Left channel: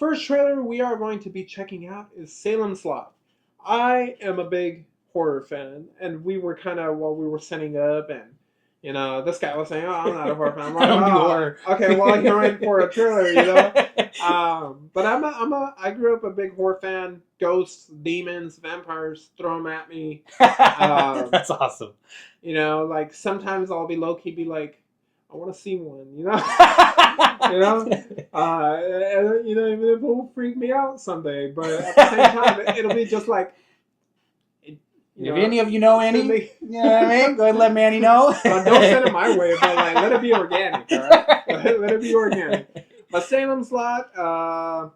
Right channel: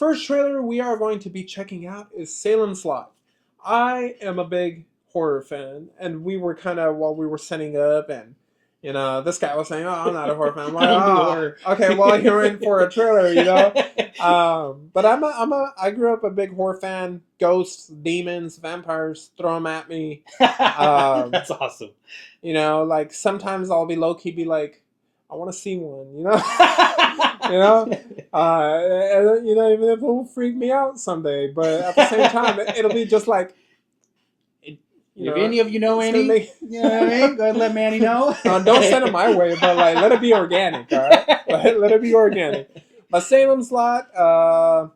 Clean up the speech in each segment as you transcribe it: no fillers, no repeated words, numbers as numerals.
first trailer we are going to be checking out is Salem's Lot. I am a big horror fan, and we were kind of while we were setting up, and this guy was saying, "Oh, I'm not a horror fan." I'm like, I don't do "Oh, horror." okay, well, you're in for a trailer, But I grew up a big horror fan. Ghosts, demons, vampires, throw them at me. That's awesome. Like sometimes I'll be low key, be like, I want to see one, and even if it will freak me out someday, but at the same time, it'll be just like, if any of you know any, you know what I mean? Go ahead and let Manny know. Don't send it my way, but like, let it be organic, all right? Let it be organic. But Salem's Lot,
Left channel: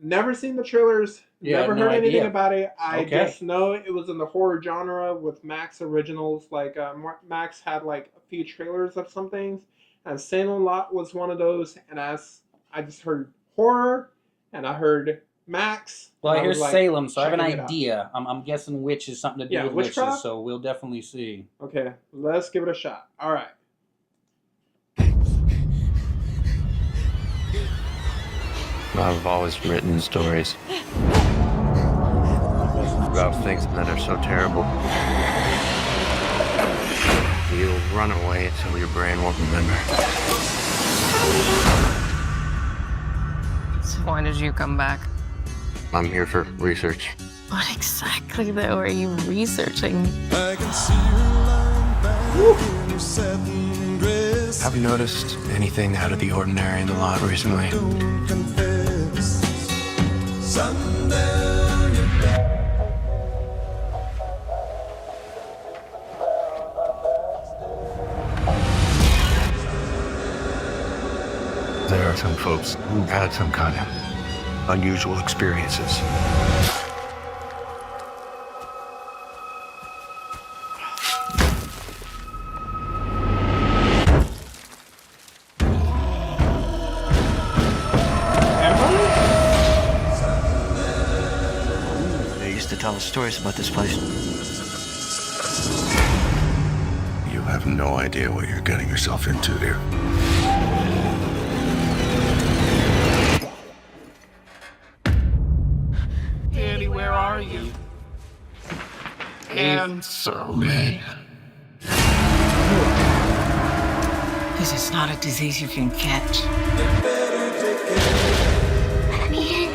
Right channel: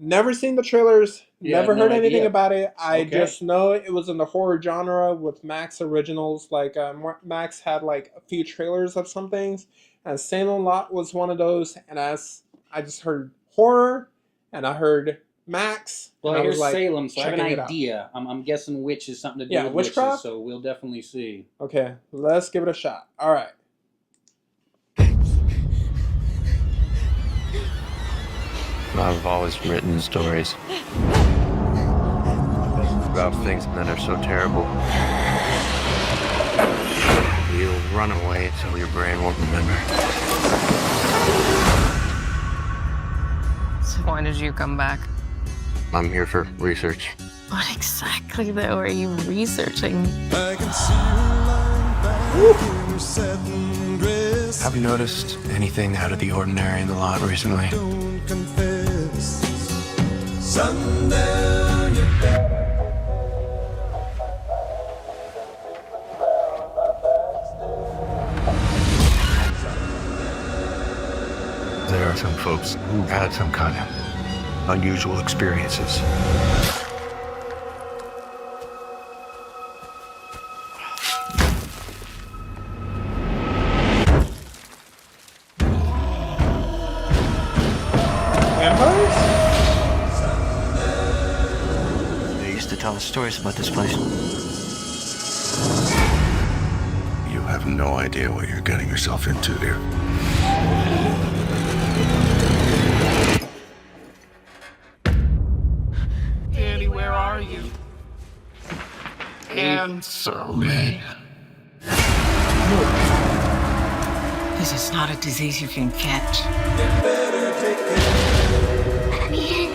never seen the trailers, never heard anything about it. I just know it was in the horror genre with Max Originals. Like, Max had like a few trailers of some things, and Salem Lot was one of those. And I just heard horror, and I heard Max. Well, here's Salem, so I have an idea. I'm guessing witch is something to do with witches, so we'll definitely see. Okay, let's give it a shot. All right. I've always written stories about things that are so terrible. You'll run away until your brain won't remember. So why did you come back? I'm here for research. What exactly, though, are you researching? I can see you lying back in your satin dress. Have you noticed anything out of the ordinary in the lot recently? Don't confess. Sundown, you're back. There are some folks who had some kind of unusual experiences. They used to tell us stories about this place. You have no idea what you're getting yourself into there. Danny, where are you? Answer me. This is not a disease you can catch. You better take care. Let me in.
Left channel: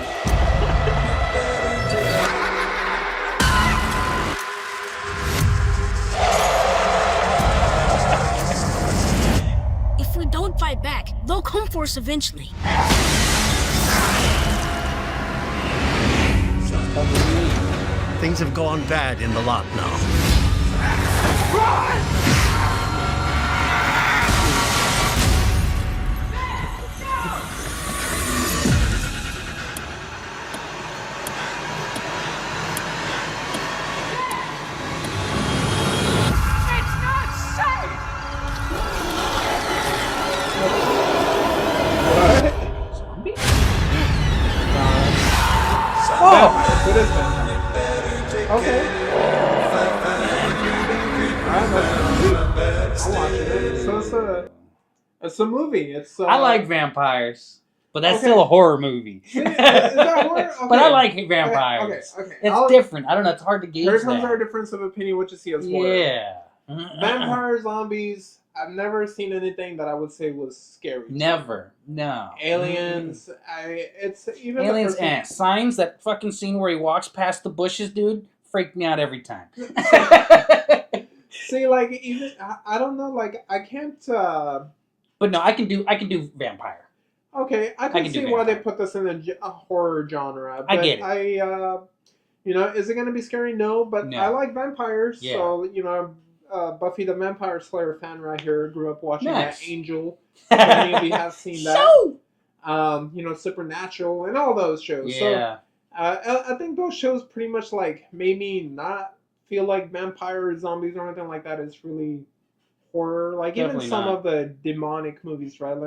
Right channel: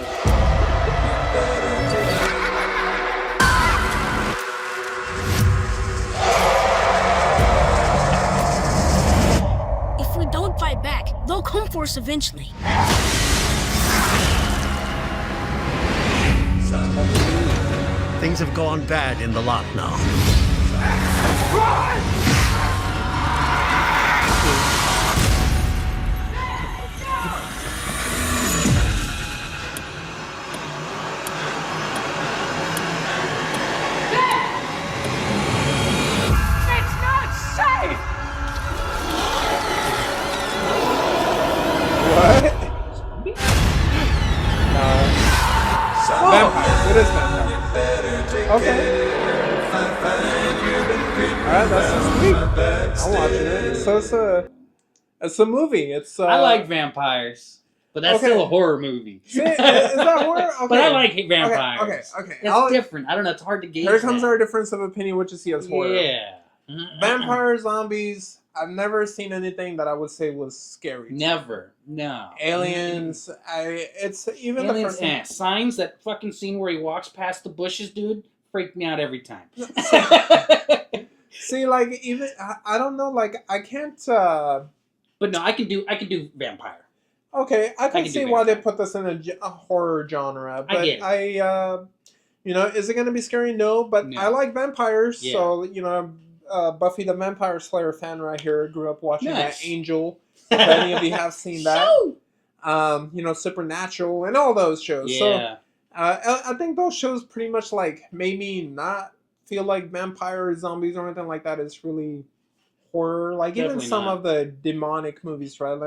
If we don't fight back, they'll come for us eventually. Things have gone bad in the lot now. It's not safe! So it's a movie. I like vampires, but that's still a horror movie. Is that horror? Okay. But I like vampires. Okay. It's different. I don't know. It's hard to gauge. Here comes our difference of opinion, what you see as horror. Yeah. Vampires, zombies. I've never seen anything that I would say was scary. Never. No. Aliens. It's even Aliens. the first Signs, that fucking scene where he walks past the bushes, dude, freaked me out every time. See, like, even I don't know, like, I can't. But no, I can do vampire. Okay, I can see why they put this in a horror genre. But I get it. Is it gonna be scary? No, but I like vampires, so Buffy the Vampire Slayer fan right here. Grew up watching that Angel. If any of you have seen that, Supernatural and all those shows. Yeah. So, I think those shows pretty much like made me not feel like vampires, zombies, or anything like that is really horror. Like Definitely even some not. of the demonic movies, right?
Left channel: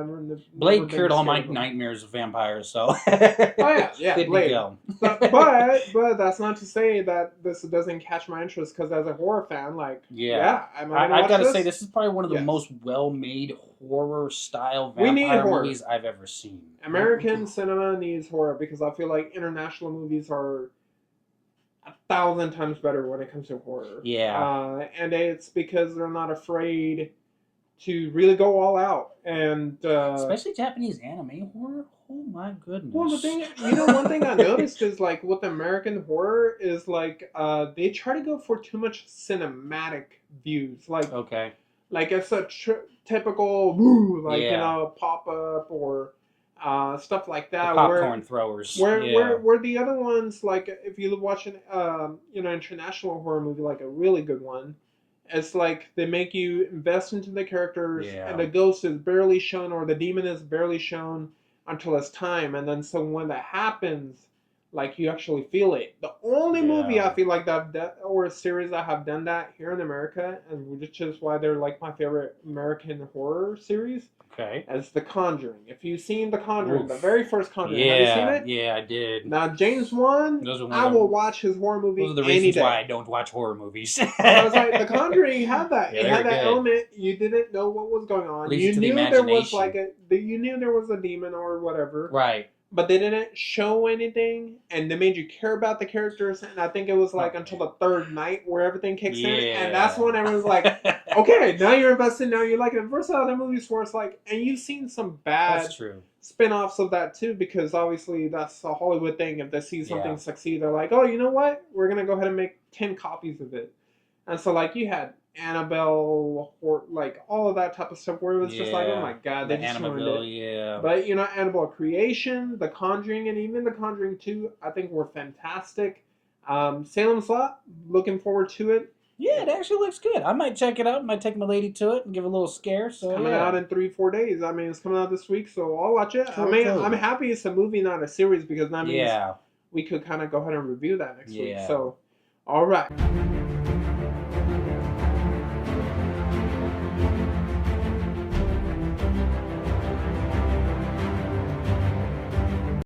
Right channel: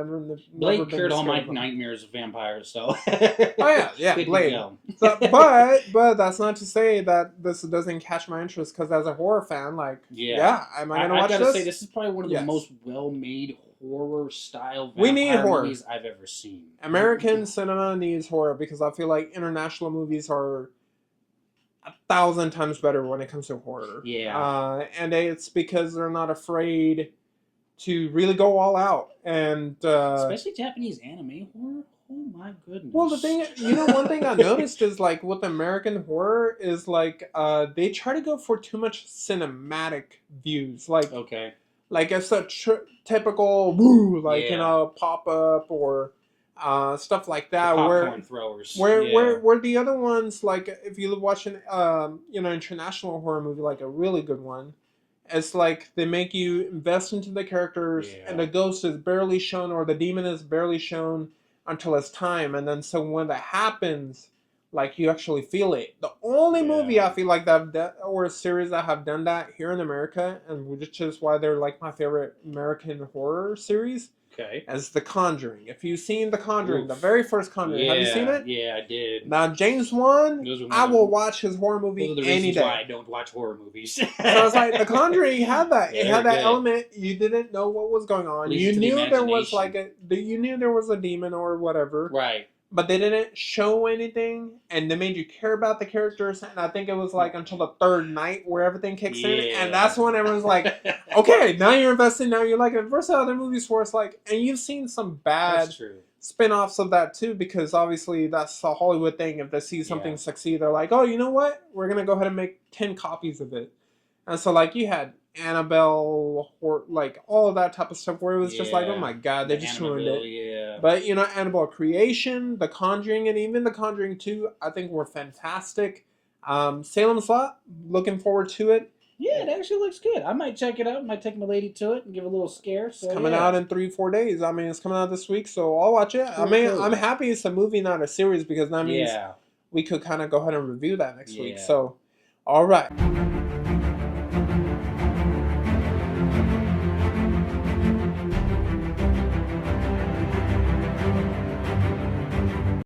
Blade cured all my nightmares of vampires, so. Oh yeah, Blade. So, but that's not to say that this doesn't catch my interest, because as a horror fan, like I gotta say this is probably one of the most well-made horror-style we need vampire horror. movies I've ever seen. American cinema needs horror, because I feel like international movies are 1,000 times better when it comes to horror. Yeah. And it's because they're not afraid to really go all out. And especially Japanese anime horror. Oh my goodness. Well, the thing, one thing I noticed is like with American horror is like they try to go for too much cinematic views. Like like it's a typical woo, like pop up or stuff like that. The popcorn throwers. Where the other ones, like if you watch an international horror movie, like a really good one, it's like they make you invest into the characters, and the ghost is barely shown or the demon is barely shown until it's time, and then so when that happens, like you actually feel it. The only movie I feel like that or a series that have done that here in America, and which is why they're like my favorite American horror series. As The Conjuring. If you've seen The Conjuring, the very first Conjuring, have you seen it? Yeah, I did. Now, James Wan, I will watch his horror movie any day. Those are the reasons why I don't watch horror movies. So I was like, The Conjuring had that. It had that element. You didn't know what was going on. You knew there was you knew there was a demon or whatever. Right. But they didn't show anything, and they made you care about the characters. And I think it was like until the third night where everything kicks in, and that's when everyone's like, "Okay, now you're invested. Now you're like it." Versus other movies where it's like, and you've seen some bad spin-offs of that too, because obviously that's a Hollywood thing. If they see something succeed, they're like, "Oh, you know what? We're gonna go ahead and make 10 copies of it." And so like you had Annabelle, or like all of that type of stuff where it was just like, oh my god, they just ruined it. But Annabelle Creation, The Conjuring, and even The Conjuring 2, I think were fantastic. Salem's Lot, looking forward to it. Yeah, it actually looks good. I might check it out. Might take my lady to it and give a little scare. So it's coming out in 3-4 days. I mean, it's coming out this week, so I'll watch it. I mean, I'm happy it's a movie, not a series, because that means we could kind of go ahead and review that next week. So, all right.